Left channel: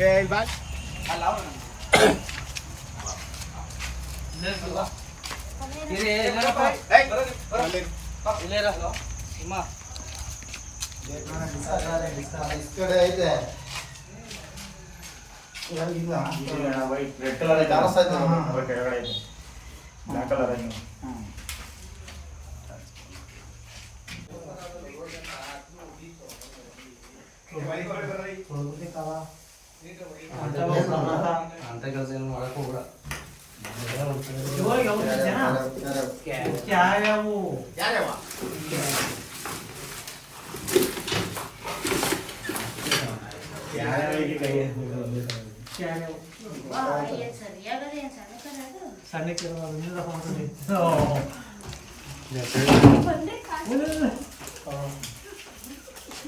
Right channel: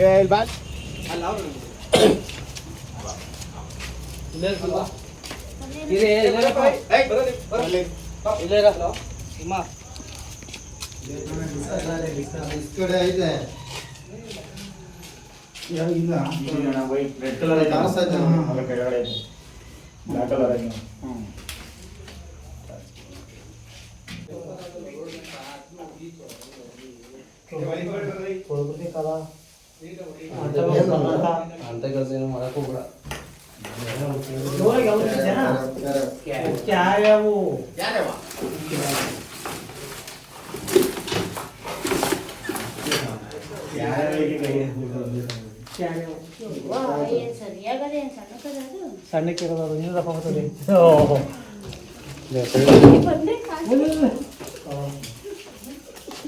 ಏ ಇಲ್ಲಿ ಬಾ ಕಡೆ ಐತೆ ಇಲ್ಲ ರೆಡ್ ಕಲರ್ ಕಾಣಿಸ್ತಾ ಇದೆ. ಅದ್ರ ಕೆಳಗಡೆ ಇದೆ ಬ್ಲಾಕ್ ಕಲರ್ ಆಗಿ ಅಂತ ಕೆಲಸ ಏನು ಮಾಡಕ್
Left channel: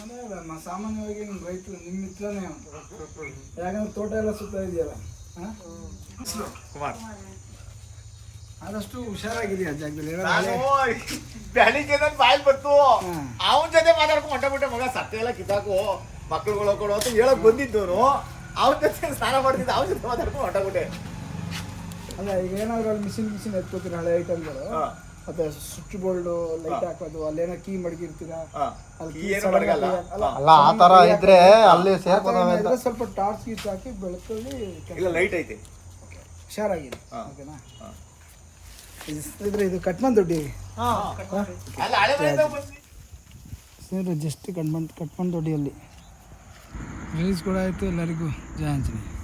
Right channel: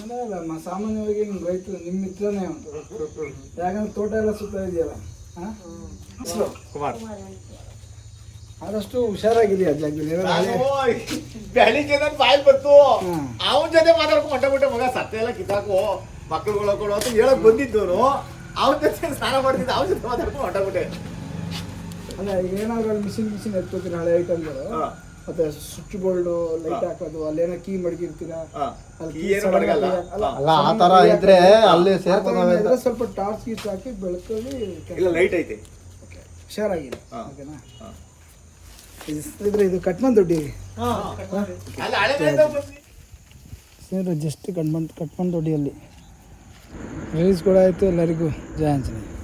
ಅಲ್ಲ ಮ- ಸಾಮಾನ್ಯವಾಗಿ ಹಿಂಗೆ ರೈತರು ನಿಮ್ಮ ಮಿತ್ರನೇ ಅವನು ಯಾಕಂದ್ರೆ ತೋಟ ಎಲ್ಲ ಸುತ್ತ ಇದೆಯಲ್ಲ ಹಾ? ಕುಮಾರ್. ಆದಷ್ಟು ಹುಷಾರಾಗಿದೆ ಆ ಜಾಗದಲ್ಲಿ ಬೆಳಿಗ್ಗೆ ನನ್ನ ಬಾಯಲ್ಲಿ ಬಂತು ಹ್ಮ್. ಅವನ ಜೊತೆ ಮಾತಾಡ್ಕೊಂಡು ಮಟ್ಟ ಬಿಟ್ಟೆ ಮಗ ಸತ್ಯ ಎಲ್ಲ ಕಿತ್ತಾಕು ಮಕ್ಕಳುಗಳು ಕೊಡು ಅಂತ ಹೇಳಕ್ ಬಂದಿದ್ದವನು. ಅವನ ಜೊತೆ ಸ್ನಾನ ಮಾಡ್ತಿದ್ದ ಅವನ ಜೊತೆ ಮಾತಾಡ್ಕೊಂಡು ಹೊಟ್ಟಾಗ್ಬಿಟ್ಟೆ ಬಿಟ್ಟೆ ಅಲ್ಲ ಈಗ ಏನಾದ್ರು ಅಲ್ಲಿ ಮಿಷಿನ್ ಮಿಷಿನ್ ಎತ್ಕೋತೀರ ಹಳೆ ಐಟಮ್ಗಳು? ಹಾ. ಮತ್ತೆ ಸ್ವಿಚ್ ಬೋರ್ಡ್ ಲೈಟ್ ಹಾಕೋದು ಅಲ್ಲೇನೋ ಕೀ ಮಡಗಿರ್ತೀರಾ? ಹಾ. ಅಲ್ಲಿ. ಆ ಆಗಿ ಇದ್ರೆ. ಅಲ್ಲಿ ಇದ್ರೆ ಸ್ವಲ್ಪ ಟಾರ್ಚ್ ಗೀಚ್ ಹಾಕಿ ಬೆಳಕಲ್ಲಿ ಇಲ್ಲ ಲೈಟ್ ಐತೆ. ಹುಷಾರಾಗಿದೆ. ಓಕೆನಾ? ಹಾ. ಇದ್ರೆ ಇದು ಕಟ್ಮನ್ ದುಡ್ಡಿ. ಸ್ನೇಹಿತರೆ ಜಸ್ಟ್ ಕಟ್ಮನ್ ಕಟ್ಮನ್ ದೊಡ್ಡಿಯಲ್ಲಿ. ರಿಲೀಸ್ ಕೂಡ ಆಯಿತು ಎಲ್ಲರಿಗೂ. ಜಯ ಆಂಜನೇಯ.